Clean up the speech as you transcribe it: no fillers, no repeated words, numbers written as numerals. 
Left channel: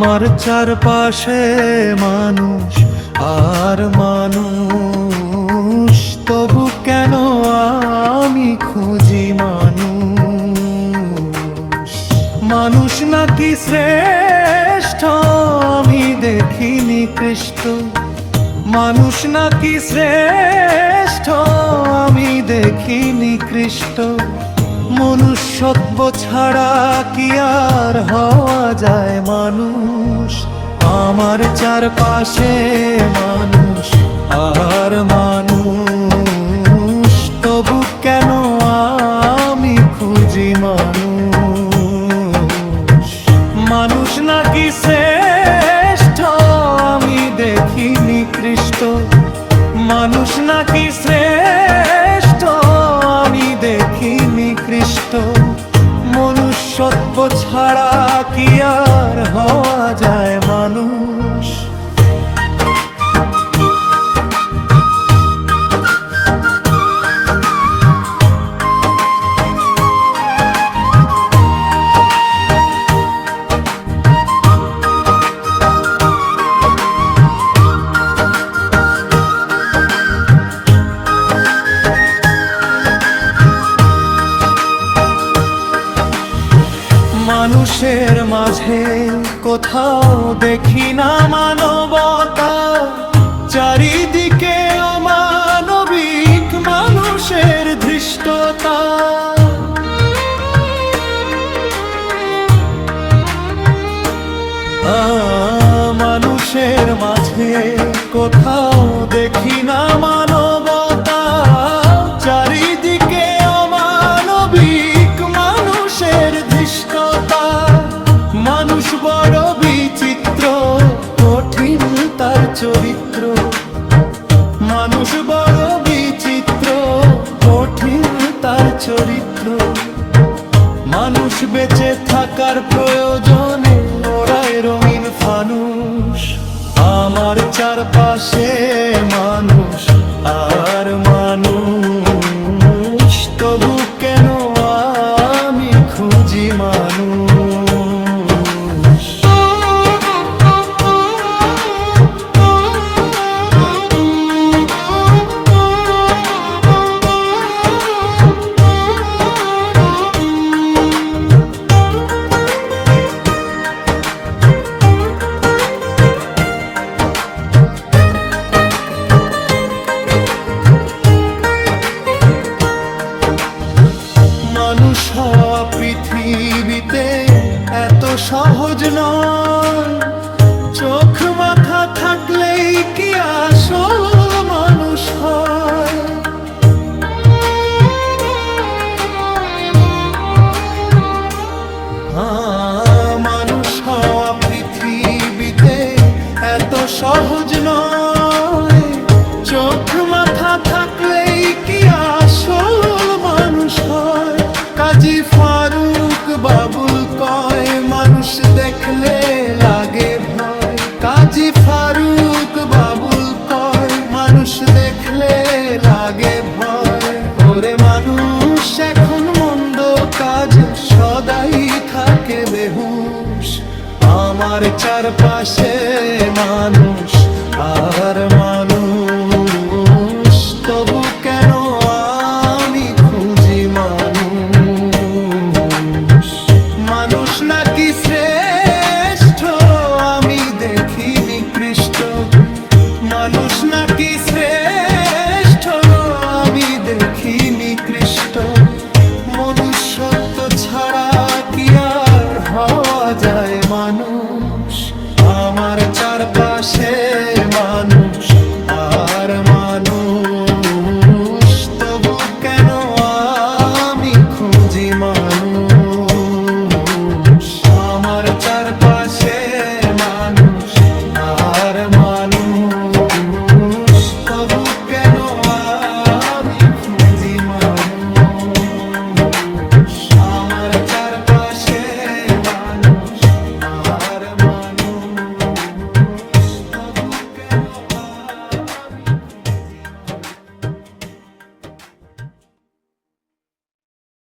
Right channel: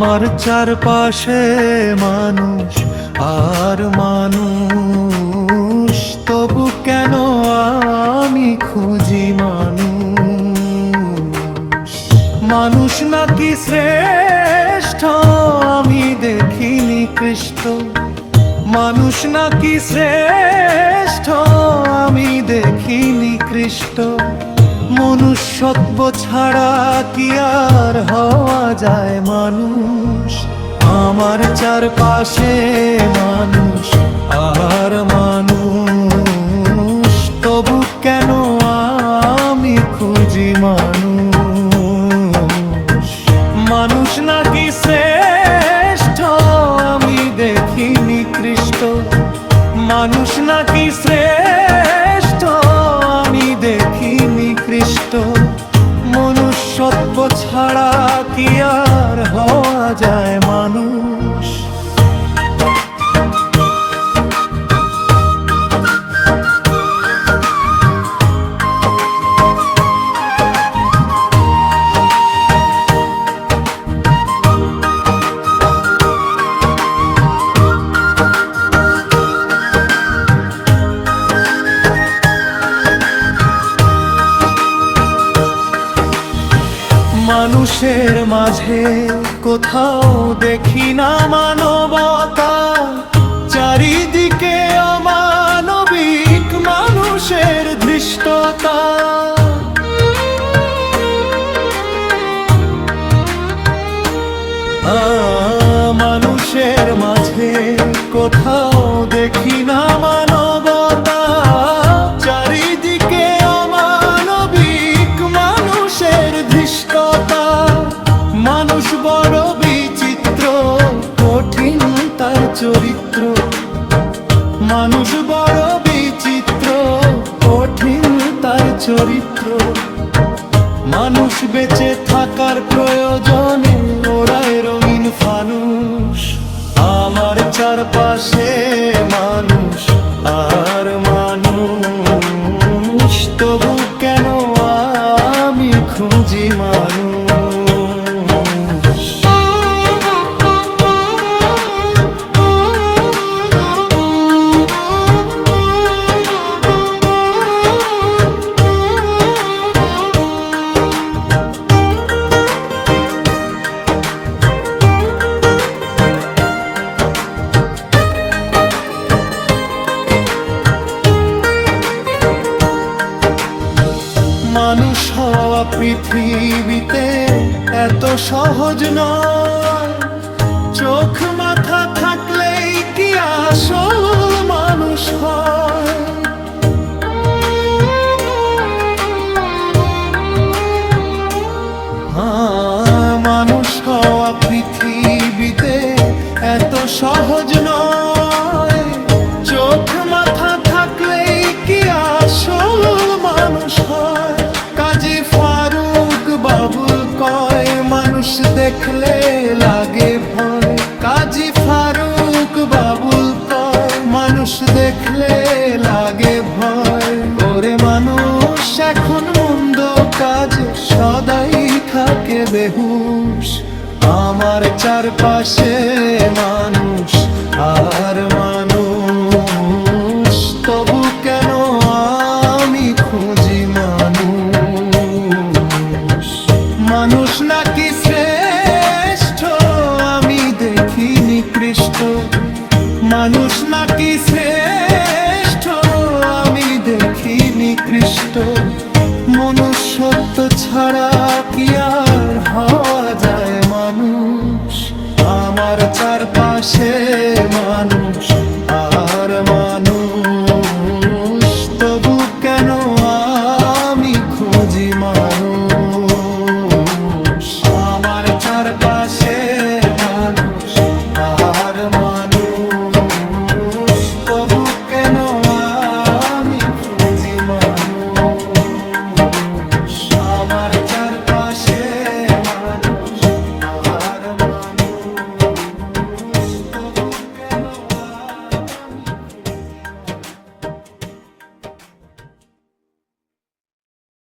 আমার চারপাশে মানুষ আর মানুষ, তবু কেন আমি খুঁজি মানুষ। মানুষ নাকি শ্রেষ্ঠ আমি দেখিনি কৃষ্ট, মানুষ নাকি শ্রেষ্ঠ আমি দেখিনি কৃষ্ট। মনুষ্যত্ব ছাড়া কি আর হওয়া যায় মানুষ। আমার চারপাশে মানুষ আর মানুষ, তবু কেন আমি খুঁজি মানুষ। মানুষ নাকি শ্রেষ্ঠ আমি দেখিনি কৃষ্ট, মানুষ নাকি শ্রেষ্ঠ আমি দেখিনি কৃষ্ট। মনুষ্যত্ব ছাড়া কি আর হওয়া যায় মানুষ। মানুষের মাঝে কোথাও দেখি না মানবতা, চারিদিকে অমানবিক মানুষের ধৃষ্টতা। মানুষের মাঝে কোথাও দেখি না মানবতা, চারিদিকে অমানবিক মানুষের ধৃষ্টতা। মানুষ বড় বিচিত্র, কঠিন তার চরিত্র। মানুষ বড় বিচিত্র, কঠিন তার চরিত্র। মানুষ বেঁচে থাকার প্রয়োজনে ওরাই রঙিন ফানুষ। আমার চারপাশে মানুষ আর মানুষ, তবু কেন আমি খুঁজি মানুষ। মানুষ হওয়া পৃথিবীতে এত সহজ নয়, চোখ মাথা থাকলেই কি আসল মানুষ হয়। মানুষ হওয়া পৃথিবীতে এত সহজ নয়, চোখ মাথা থাকলেই কি আসল মানুষ হয়। কাজী ফারুক বাবুল কয় মানুষ দেখলে লাগে ভয়। কাজী ফারুক বাবুল কয় মানুষ দেখলে লাগে ভয়। ওরে মানুষ এখন মন্দ কাজে সদাই থাকে বেহুশ। আমার চারপাশে মানুষ আর মানুষ, তবু কেন আমি খুঁজি মানুষ। মানুষ নাকি শ্রেষ্ঠ আমি দেখিনি কৃষ্ট, মানুষ নাকি শ্রেষ্ঠ আমি দেখিনি কৃষ্ট। মনুষ্যত্ব ছাড়া কি আর হওয়া যায় মানুষ। আমার চারপাশে মানুষ